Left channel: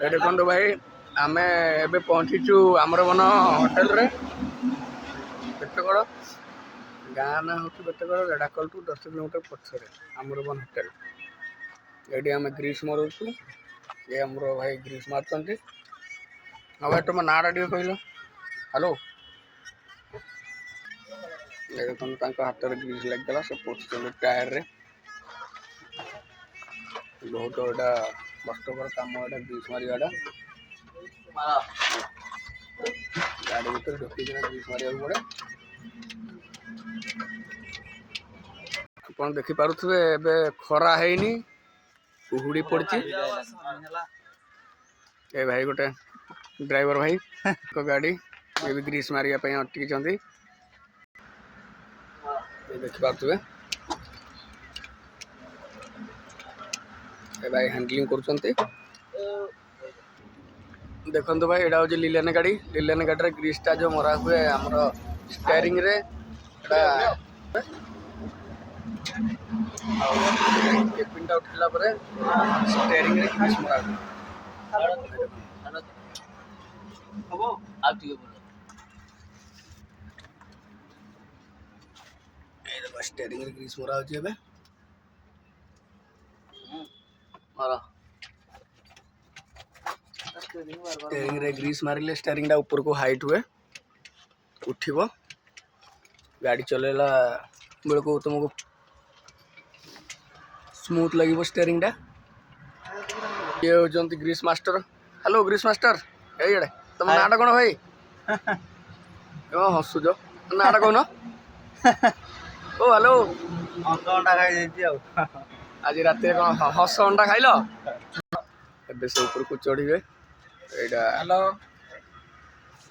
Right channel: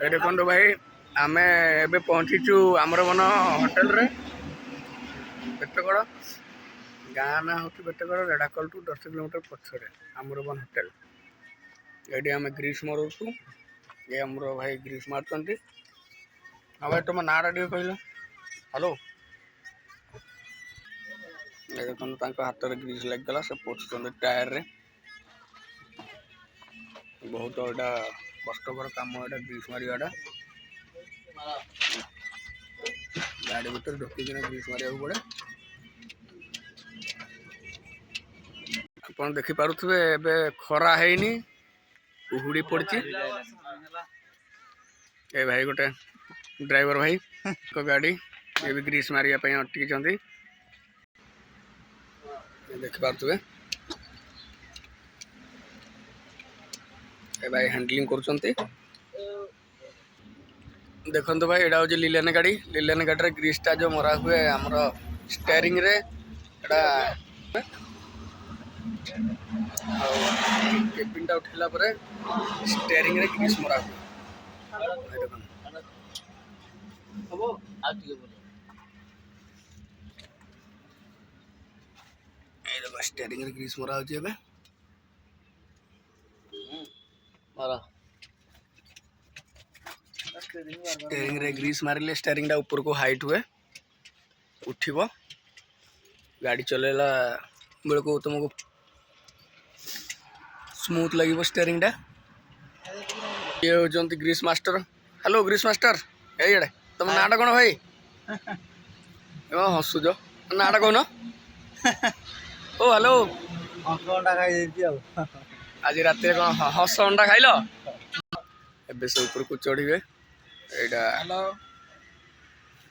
ଦେଖନ୍ତୁ ଭାଇ ଆମେ ଏବେ ପହଞ୍ଚିଛୁ ଆମର ବନ ହୋଟେଲରେ ବେଟଗଡ଼ ଗାଁ ନାଁ ହେଉଛି ବେଟଗଡ଼ ରେଢ଼ାଖୋଲଠୁ 10 କିଲୋମିଟର ପଛରେ ଆମର ବନ ହୋଟେଲ। ଏଇଠି ଆମେ ଗ୍ରୀସ୍ ମାରୁଛୁ। ଏ ଆମର ଭାଇ ଗ୍ରୀସ୍ ମାରୁଛନ୍ତି। ଆଉ ଭାଇ ତୁମ ନାଁଟା ଟିକେ କହିଲ। ହ୍ୟାଲୋ। ଏ ଦେଖନ୍ତୁ ତାଙ୍କ ହାତରେ ଗ୍ରୀସ୍ ଲାଗିଗଲା ସେ ପୋଛୁଛନ୍ତି ଟାୟାରରେ। ବହୁତ ଏଇଟା କଷ୍ଟକର କାମ ଏଇଟା ଗ୍ରୀସ୍ ମାରିବାଟା। ଗାଡ଼ି ଭିତରେ ଢୋକିକିନା ଗ୍ରୀସ୍ ମାରିବାକୁ ପଡ଼େ। ଆପଣ ଦେଖିପାରୁଥିବେ ଏବେ ଖରା ହେଇନି, କୁହୁଡ଼ି ପଡ଼ିଛି। ଏ ଭାଇ ଗୋଟେ ଡ୍ରାଇଭର ଭାଇ ଗାଡ଼ି ଏ ବି ଗ୍ରୀସ୍ ମାରିବା ପାଇଁ ଅଟକିଛନ୍ତି। ଦେଖିପାରୁଥିବେ ଏ ଭାଇ ହ୍ୟାଣ୍ଡଲିଂ କରୁଛନ୍ତି। ଦେଖନ୍ତୁ ଭାଇ ଏଇଟା ହେଉଛି ଲିଲାନ ଗାଡ଼ି। ଲିଲାନ ଗାଡ଼ିରେ ଗ୍ରୀସ୍ଟା ଯେଉଁ ମରା ହୁଏ ଆମର ଷ୍ଟେରିଂରେ ଏଇଟା ଆଉ କେବିନ୍ଟା ଉଠିଲା ପରେ ଷ୍ଟେରିଂରେ ଗ୍ରୀସ୍ ମରା ହୁଏ। এই দেখো ଷ୍ଟେରିଂରେ ଗ୍ରୀସ୍ ମରା ହେଉଛି ଏବେ। ଷ୍ଟେରିଂରେ ଗ୍ରୀସ୍ ମାରିଲେ ଷ୍ଟେରିଂଟା ଉପରକୁ ହାଇଟ୍ ହୁଏ, ଉଠିବ। ଗାଡ଼ି ଚଲେଇଲା ବେଳକୁ ତୁମକୁ ସ୍ମୁଥ୍ ଲାଗିବ ଷ୍ଟେରିଂଟା। ଇଏ ହେଉଛନ୍ତି grease master. Hello grease master, ଏଇଆଡ଼େ ତମ ନାଁଟା କ'ଣ ଭାଇ? କ'ଣ ହସୁଛ? ନାଁଟା କହୁନ? ଓ ହ୍ୟାଲୋ। ହସ ଅଣ୍ଡା ଖାଇଯାଇଛି ଆଉ। ଆଜି ରାତିରେ କ'ଣ ହସ ଅଣ୍ଡା ଖାଇଲ? ଏବେ ସେ ଉପରକୁ ଚଢ଼ିବେ। ଏଇଟା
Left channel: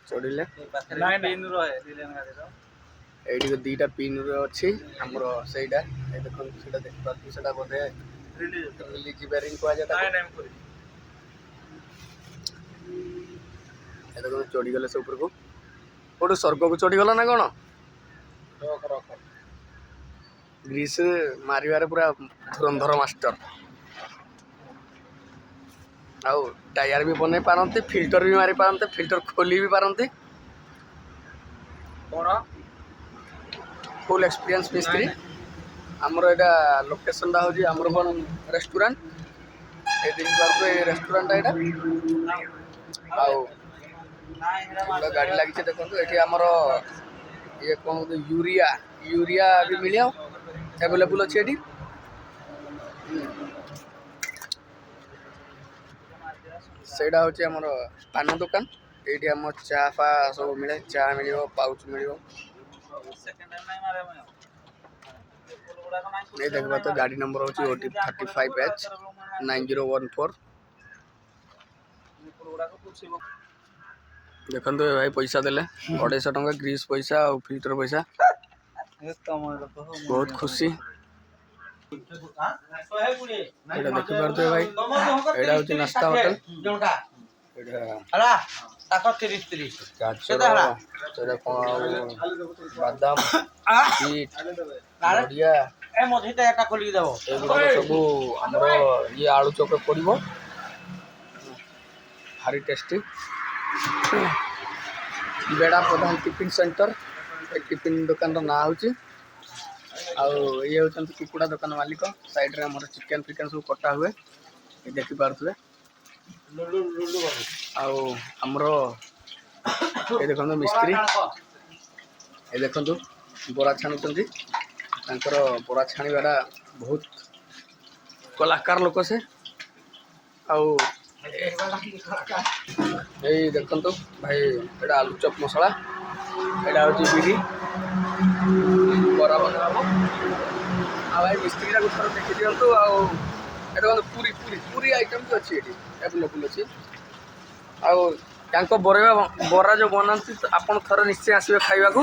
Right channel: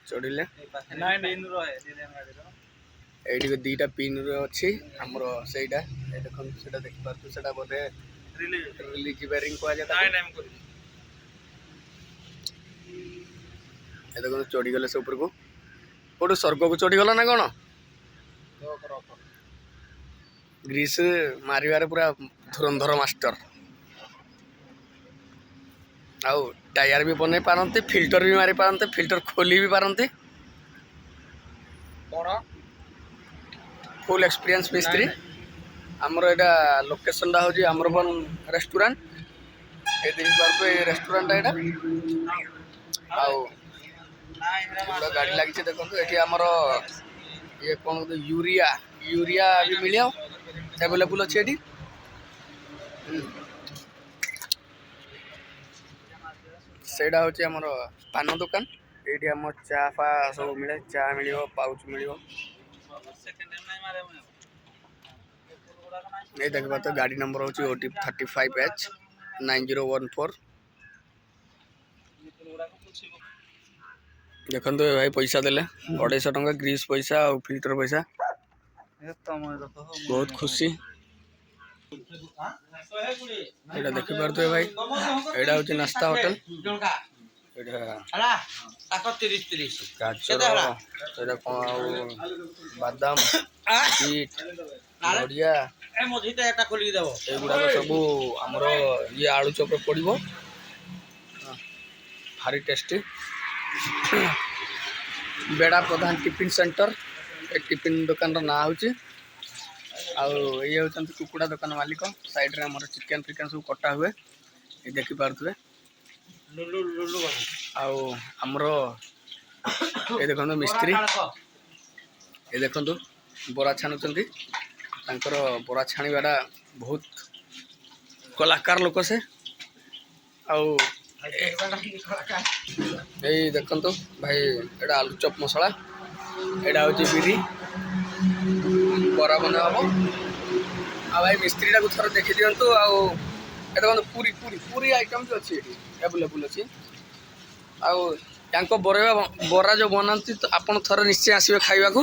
ଚଢ଼ିଲେ ଏଇଠି ଦୁଇଟା ପିନ୍ର ଅଛି ଆମର ସେଇଟା ଦେଖନ୍ତୁ ସେଇଟା ଦେଖିପାରୁଛୁ। ସେଇଟା ବୋଧେ ରିଲିଜ୍ ବେରିଂ କୁହାଯାଏ। ଏ ଦେଖନ୍ତୁ ଚଢ଼ିଗଲେ ସେ ଉପରକୁ। କୋଉଠୁ ସ୍ୱର୍ଗକୁ ଚଢ଼ିଗଲ ନା କ'ଣ? ଗ୍ରୀସ୍ ମାରିବାରେ ପୁରା ଧୁରନ୍ଧର ମାଷ୍ଟର। ଆଉ ଟାୟାର ବି ବନେଇ ପାରନ୍ତି, ଫିଲ୍ଟର ବି ମାରି ପାରନ୍ତି, ଫିଲ୍ଟର ଖୋଲି ବି ପାରନ୍ତି। କ'ଣ ଫୁଲ୍ ଏକ୍ସପିରିଏନ୍ସ ମିସ୍ତ୍ରୀ। ଆମର ଏଇଟା ଲୋକେସନଟା ହେଉଛି ଆମରବନ ରେଷ୍ଟୁରାଣ୍ଟ। ଏ ଦେଖିପାରୁଥିବେ ଏ ରେଷ୍ଟୁରାଣ୍ଟଟା ଏଇଟା। ଆଉ ଗାଡ଼ି ଲାଗିଛି ଦେଖନ୍ତୁ। ଏଠି ଆମର ଇଏ କ'ଣ ୟୁରିଆ ବି ମିଳିବ, ଆଭେଲେବୁଲ୍ ଅଛି ଏଠି। ସେଇଟା ହେଉଛି ଆମର ପାନ ଦୋକାନ। ଏଇଠି ଆମ ଚା ଫା ସବୁ ମିଳେ। ଚା ମିଳିବ, ପାଉଚ୍ ମିଳିବ। ଏଇ ଦେଖିବା ତ ଗାଡ଼ି ନମ୍ବର ହେଉଛି OT 35H 9014। ଦେଖନ୍ତୁ ଭାଇ ପଇସା ଦେଲେ 250 ଟଙ୍କା ଗ୍ରୀସ୍ ପଇସା ଆଉ ଫିଲ୍ଟର ପଇସା। ବହୁତ ଖୁସି। ଏଇଟା ଦେଖିପାରୁଥିବେ ଭାଇ, ଏଇଟା ହେଉଛି ନାସ୍ତା ହୋଟେଲ। ଗାଜର, ସେଇଟା କ'ଣ ବାଦାମ, ବିଟ୍, ନଡ଼ିଆ ଏଗୁଡ଼ାକ ସବୁ ଆମର ଇଏ ଆଳୁ ଚପରେ ପଡ଼ିବ। ଭାରି ଟେଷ୍ଟି। ବେଡ଼ା ପ୍ରଧାନ ଟିଫିନ୍ ସେଣ୍ଟର ଏ ଟିଫିନ୍ ଦୋକାନର ନାଁ ହେଉଛି। ଆଉ ଇଏ ହେଉଛନ୍ତି କୁକୁଡ଼ା ଦୋକାନ ମାଲିକ। ସାଇଡ଼ରେ ଆମର ଚିକେନ୍ ଫିକେନ୍ ସବୁ କଟା ହୁଏ, ଏ ଦେଖିପାରୁଥିବେ। ଆଉ ଆମର ଏ ଦେଖନ୍ତୁ ମିସ୍ତ୍ରୀ, ଏ ଦେଖନ୍ତୁ ବରା ଛାଣୁଛନ୍ତି। ତାଙ୍କର ବରା ଛାଣିବାଟା ବହୁତ କଳାକାର ଲୋକ ସେ। ଆଉ ଏଇ ଦେଖନ୍ତୁ ଭାଇ ଏଇଟା ଆଳୁ ଚପ୍ ମସଲା, ଏଇଟା ହେଉଛି ବିରି ବରା ବନା ହେବ। ଆଉ ଭାଇ ମିସ୍ତ୍ରୀଟାକୁ ଥରେ ଦେଖିଦିଅନ୍ତୁ। ଆଉ ଏ ଦେଖନ୍ତୁ ପୁରୀ ଆଇଟମ୍ ବି ଅଛି ଏଠି, ଆଭେଲେବୁଲ୍ ଅଛି। ଆଉ ତାଙ୍କ ବରା ଯେଉଁ ବନାନ୍ତି ଆପଣ ଥରେ ନିଶ୍ଚୟ ଆସିବେ ଖାଇବାକୁ।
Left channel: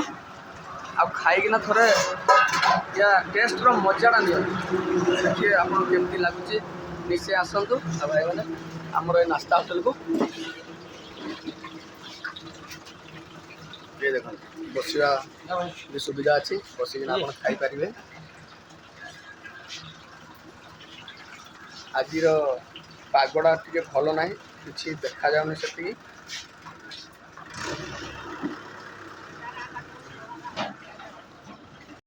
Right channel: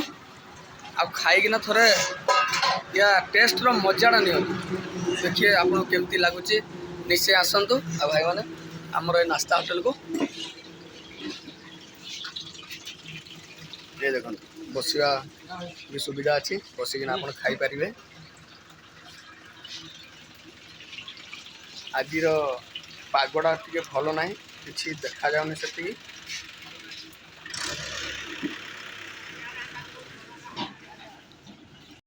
ଆଉ ଖାଇକିନା ଥରେ ୟା ଟେଷ୍ଟର ମଜାଟା ନିଅନ୍ତୁ, ଦେଖିବେ ଆପଣଙ୍କୁ କେମିତି ଲାଗୁଛି। ନିଶ୍ଚୟ ଆସନ୍ତୁ। ଆଉ ଭାଇମାନେ ଆମର ଏ ନାସ୍ତା ହୋଟେଲକୁ ଏ ଦେଖନ୍ତୁ ବସିବା ବି ସୁବିଧା ଅଛି, ବସିକିନା ଆପଣ ଖାଇପାରିବେ। ଆଜିର ପାଗଟା ଟିକେ ଭଲ ନାହିଁ, କିଛି ଦେଖାଯାଉନି ସେତିକି।